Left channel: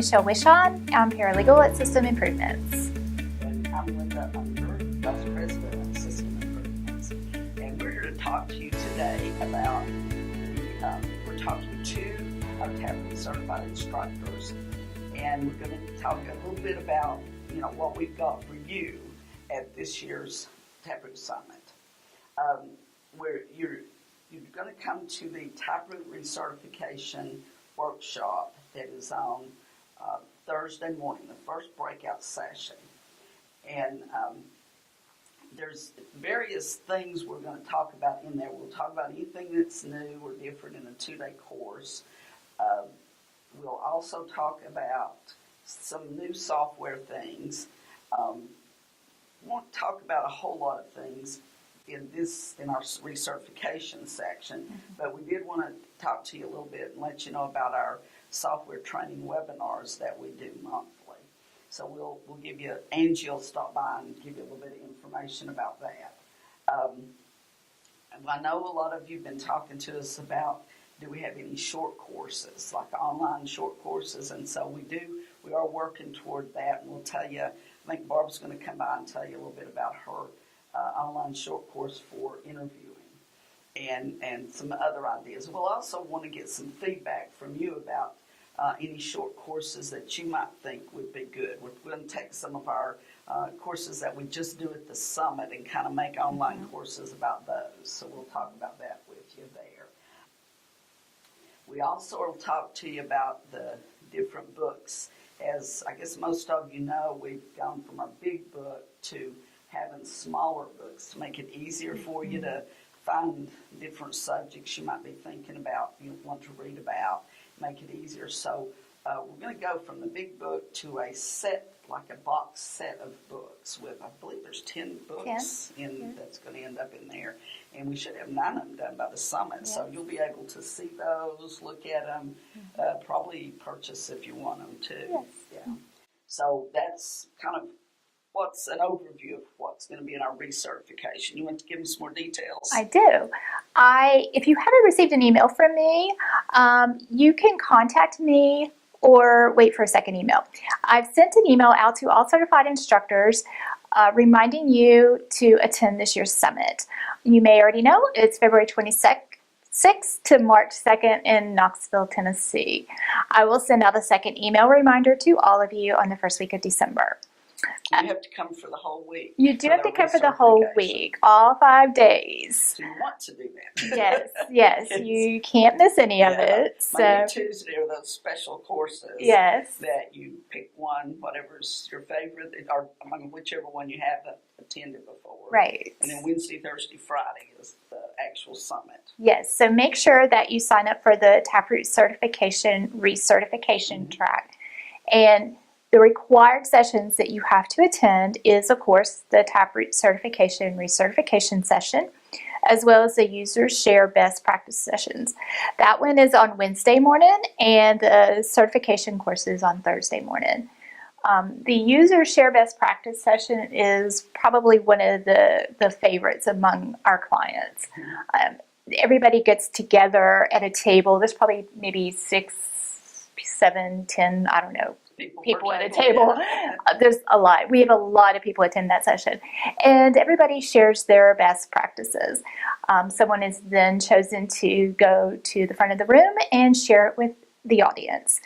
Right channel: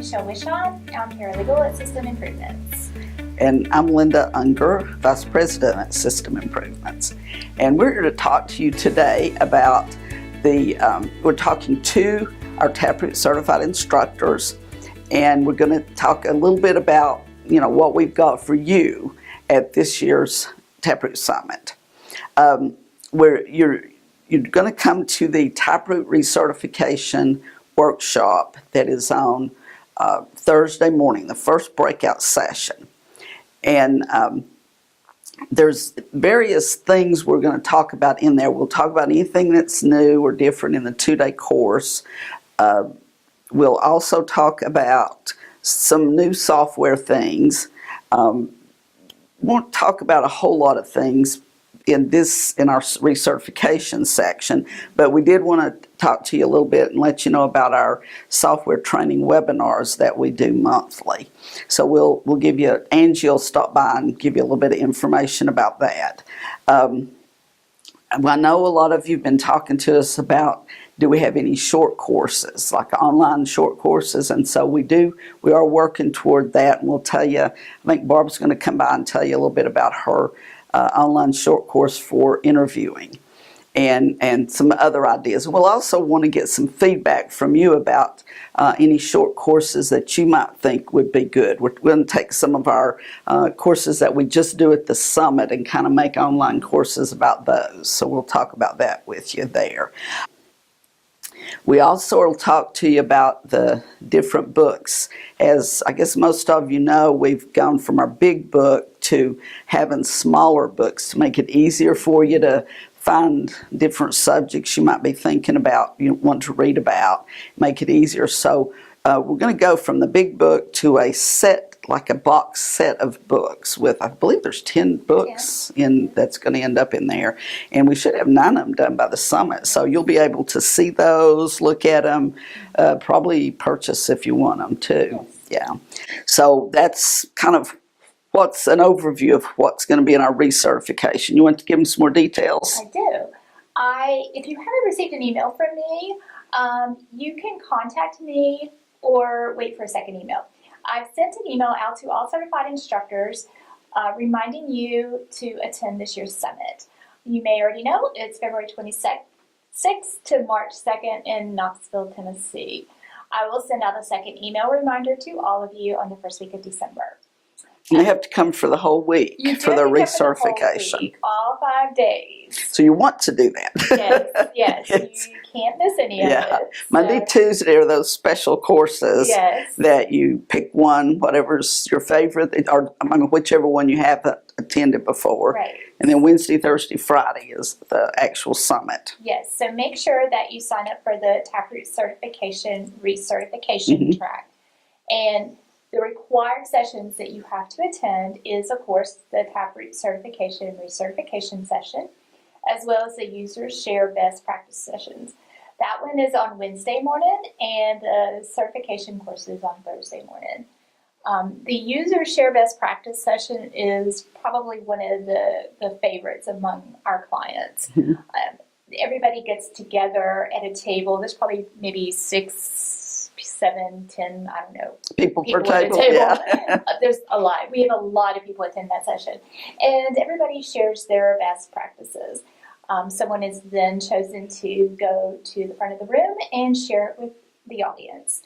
Michelle Wishon. I'm paralegal at System Improvements. And I'm Linda Unger, Vice President at System Improvements. And we're here to talk to you today about we're talking to our TapRooT certified instructors, and we're going to talk a little bit about, what we've got for you at this year's TapRooT Summit. Where you're going to come to the TapRooT Recertification workshop that is on Thursday morning, the first breakout session. And there's various things we're going to talk about in there. We'll talk about anything that's new or different in the two-day course. We'll also talk about some new software things. Won't talk about a whole lot of things in our recertification section, but we did want to talk to you a little bit and let you know about our software training webinars that we do monthly. So we'll give you, Angie will stop by and give you a little bit of information about that. I know a lot of you have been talking to us about, do we have any short courses, like online short courses? And so we do. We are working toward that, and we'll tell you, I think Barb's going to come by and tell you a little bit about her online short course for interviewing and some other ideas. We'll also want to get some feedback from you about any short courses that you might think would be good. We're going to take some of our courses that we just do at the summit and kind of make online courses about those. So we'll talk about that with you there. We also will talk to you about the different books. As I guess most of you know, we've gone from our big book to having smaller books to make it easier for you to find different subjects you might be thinking about, you want to read about, make it easier. So we're going to go from the big book to a set, like a box set of books with, I believe there's 10 books that's going to end up in there. And we should have 9 of them done by the summit. So you'll be able to see those, look at them, probably purchase if you want them too. Yeah. So that's kind of what's an overview of what's going to be in our recertification. You want to give them some more details? I do. If you haven't received an email from me, you can contact me or wait for a second email. I've sent an email out to all certified instructors reminding you to attend this year's summit. You may already know it's February 26th to March 2nd in Knoxville, Tennessee. I will send out a second email reminder to all of you on the first week of December. You have to come for the whole week for the recertification. You have to come for the whole week, all 5 days. So you want to do that. Yes. You can't miss any of it. Monday, Tuesday are those special courses that you pick one, whatever's your favorite, or whichever one you have attended before. Right. And then Wednesday, Thursday, Friday is the actual summit. Yes, so make sure that you sign up for the TapRooT Certification Recertification track. And the required sessions that you have to attend is, of course, the TapRooT Certification Recertification session, as well as the Users Share Best Practice sessions. That one is on Wednesday morning, and the certification course is on Thursday morning. The Users Share Best Practice session is probably one of the favorites among our clients. Everybody gets together at a table. There's probably maybe 6, 7, 10, I don't know, people per at a table. Yeah. There's a lot. We have a lot of people attend that session. And everybody shares their best practices. Someone is then chosen to go to the front of the room and share it with the audience.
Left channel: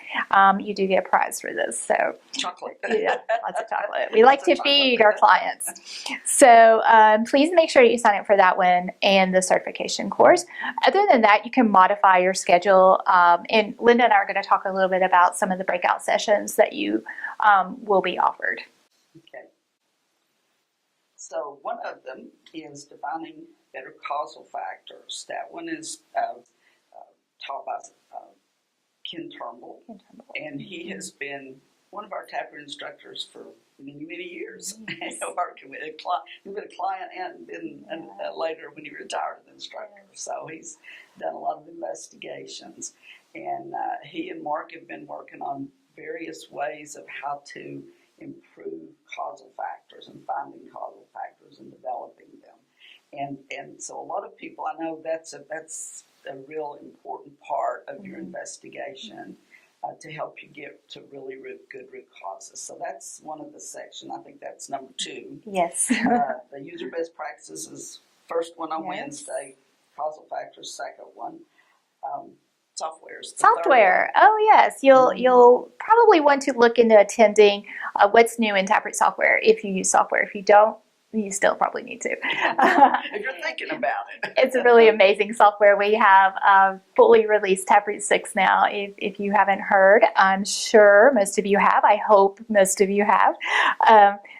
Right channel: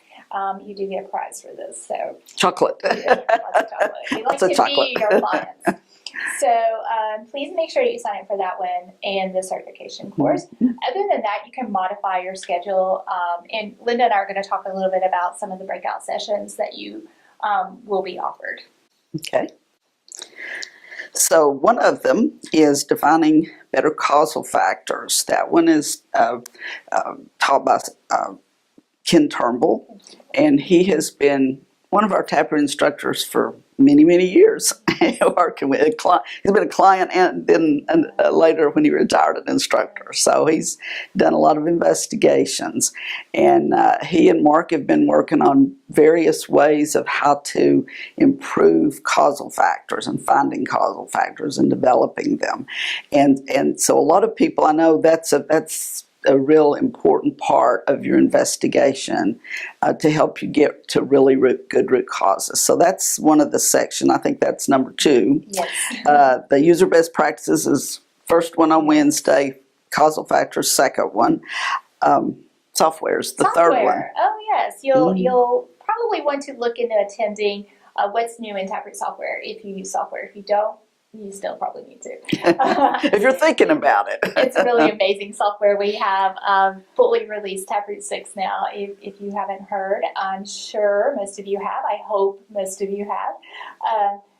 You do get a prize for this. So chocolate. Yeah, lots of chocolate. We like to feed our clients. So please make sure you sign up for that one and the certification course. Other than that, you can modify your schedule. And Linda and I are going to talk a little bit about some of the breakout sessions that you will be offered. Okay. So one of them is defining better causal factors. That one is taught by Ken Turnbull, and he has been one of our TapRooT instructors for many, many years, working with a client. He's been a client and then later when he retired an instructor. So he's done a lot of investigations, and he and Mark have been working on various ways of how to improve causal factors and finding causal factors and developing them. And so a lot of people, I know that's a real important part of your investigation to help you get to really good root causes. So that's one of the section. I think that's number 2. Yes. The user best practices is first one on Wednesday. Causal factors, second one. Software is the third one. Oh yes, you'll probably want to look into attending what's new in TapRooT software if you use software. If you don't, you still probably need to. If you're thinking about it. It's a really amazing software. We have fully released TapRooT 6 now. If you haven't heard, I'm sure most of you have. I hope most of you have.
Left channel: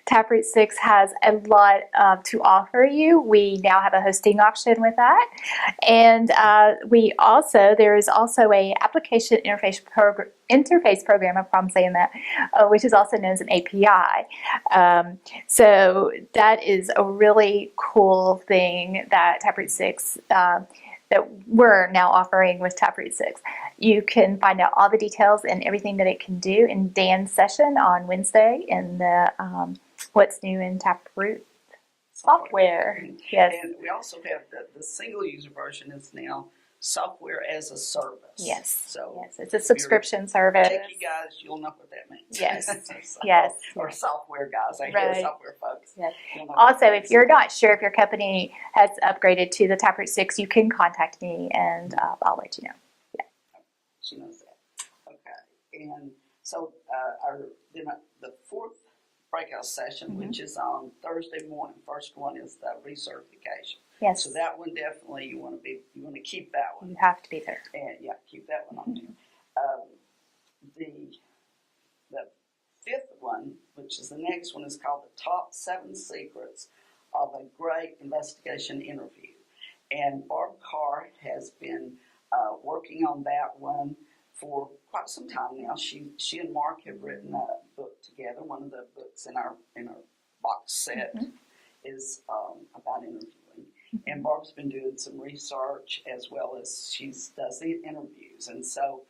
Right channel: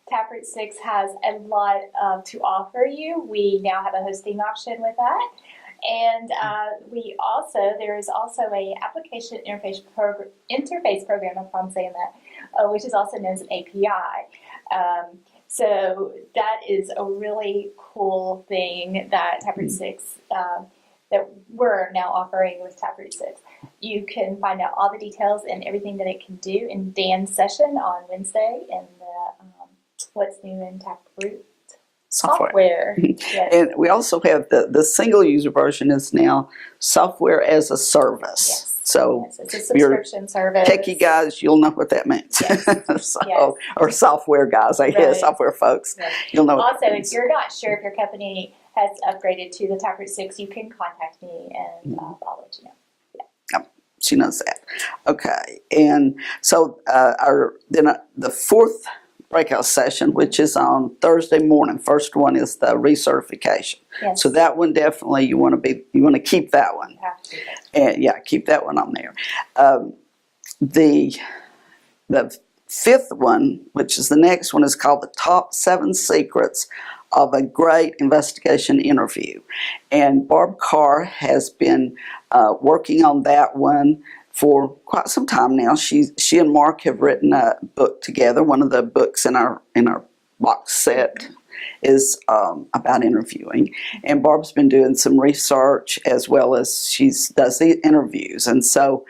TapRooT 6 has a lot to offer you. We now have a hosting option with that. And there is also a application interface program, if I'm saying that, which is also known as an API. So that is a really cool thing that TapRooT 6 that we're now offering with TapRooT 6. You can find out all the details and everything that it can do in Dan's session on Wednesday in the What's New in TapRooT software. Yes. And we also have the single user version is now software as a service. Yes. So yes. It's a subscription service. Techie guys, you'll know what that means. Yes. So, yes. Or software guys, I guess, software folks. Right. You'll know. Also, if you're not sure if your company has upgraded to the TapRooT 6, you can contact me and I'll let you know. She knows that. Okay, and so the fourth breakout session, which is on Thursday morning. First one is the recertification. Yes. So that one definitely you want to keep that one. You have to. And keep that one on there. The fifth one, which is the next one, is called the Top 7 Secrets of a Great Investigation Interview. And Barb Carr has been working on that one for quite some time now. She and Mark have written a book together. One of the books in our box set is about interviewing. And Barb's been doing some research as well as she does the interviews. And so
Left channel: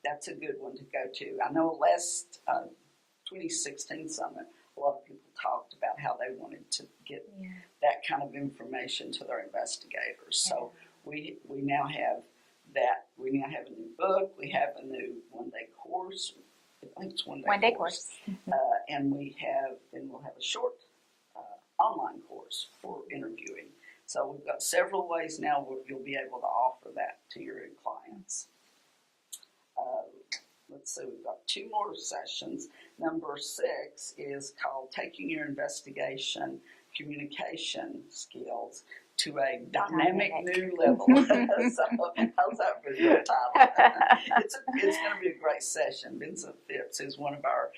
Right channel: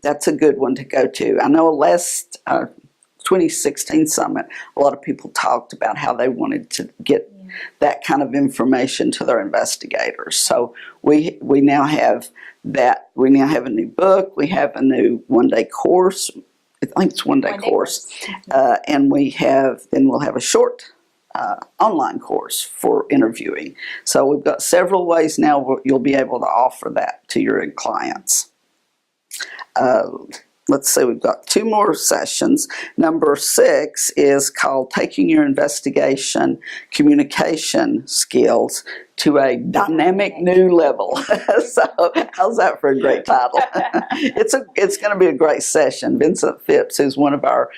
that's a good one to go to. I know last 2016 summit, a lot of people talked about how they wanted to get that kind of information to their investigators. So we now have that. We now have a new book. We have a new one-day course. I think it's one-day course. And we'll have a short online course for interviewing. So we've got several ways now where you'll be able to offer that to your clients. Let's see, we've got 2 more sessions. Number 6 is called Taking Your Investigation Communication Skills to a Dynamic New Level. So how's that for a great title? It's going to be a great session. Vincent Phipps, who's one of our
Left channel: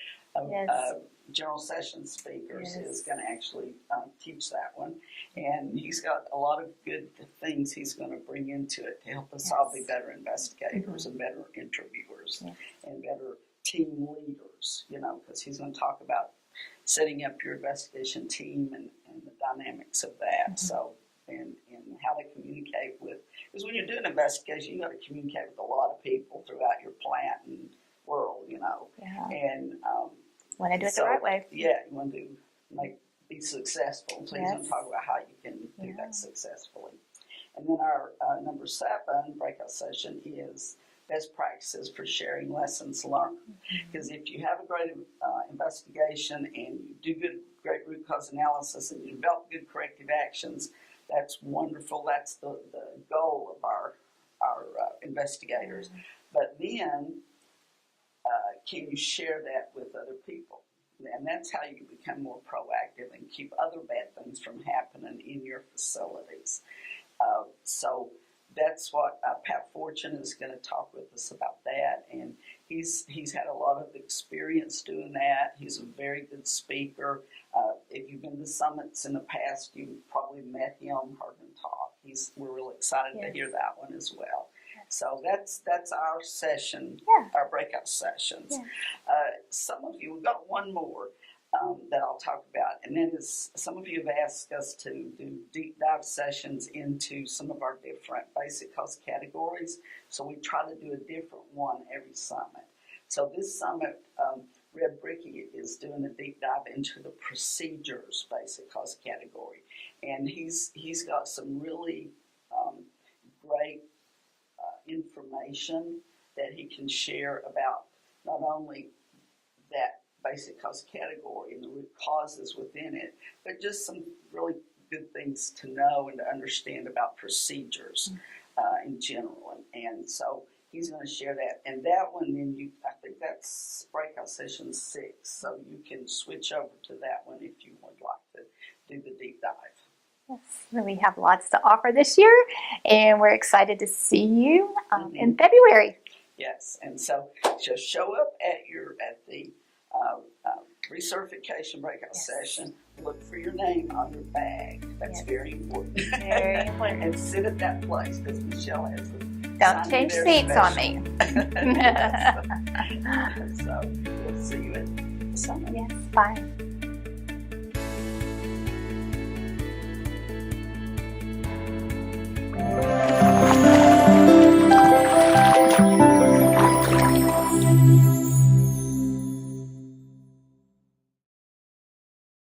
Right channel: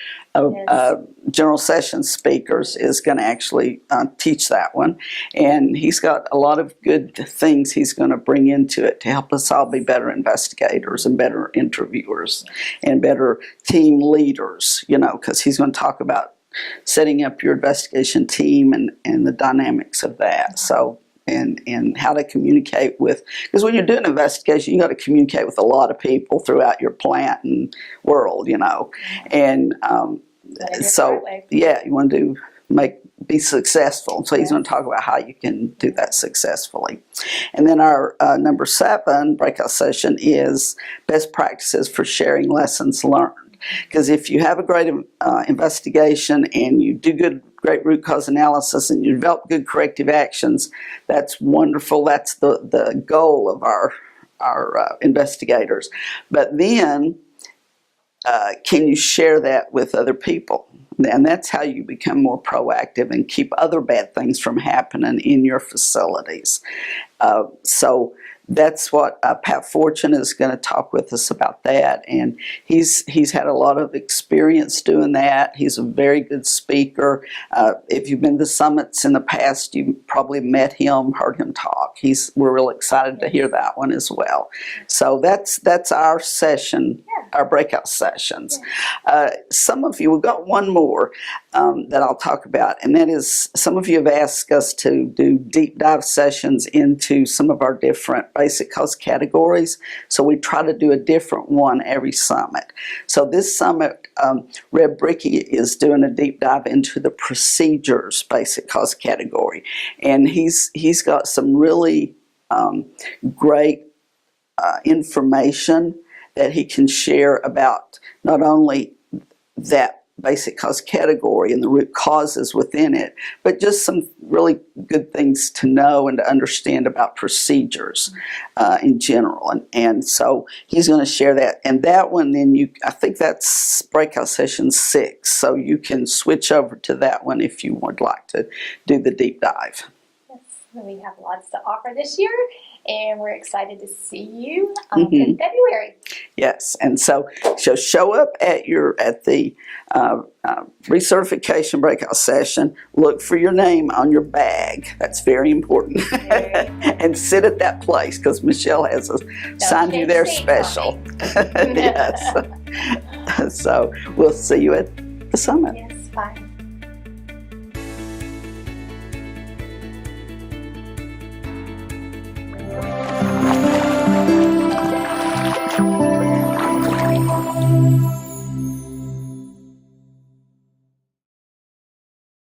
general session speakers, is going to actually teach that one. And he's got a lot of good things he's going to bring into it to help us all be better investigators and better interviewers and better team leaders, because he's going to talk about setting up your investigation team and the dynamics of that. So, and how to communicate with, because when you're doing an investigation, you got to communicate with a lot of people throughout your plant and world, and so you want to be successful. So he's going to talk about how you can do that successfully. And then our number 7 breakout session is best practices for sharing lessons learned. Because if you have a great investigation and you do great root cause analysis and you develop good corrective actions, that's wonderful. That's the goal of our investigators. But then, can you share that with other people? And that's how you become more proactive and keep other bad things from happening in your facilities. So that's what Pat Fortune is going to talk with us about that, and he's had a lot of experience doing that. He's a very good speaker. If you've been to summits in the past, you probably met him, heard him talk. We're real excited to hear that one as well. So that's our session, our breakout sessions. Some of you, we've got one more that I'll talk about, and that is some of you have asked us to do deep dive sessions into some of our different basic cause categories. So we try to do a different one every summit. So this summit, Reb Bricky is doing a deep dive into the procedures basic cause category, and he's got some really great information that he can share about not only that basic cause category and the root causes within it, but just some really good things to know and to understand about procedures in general. And so he's going to share that. And that one, then I think that's breakout session 6. So you can switch over to that one if you would like to do the deep dive. We have lots to offer this year, and we're excited to see you in February. Yes, and so show up at the recertification breakout session. Look for your name on your bag. That's very important. Very important. And sit at that place because Michelle has assigned you there special. Yes. So we'll see you at the summit. Yes, bye.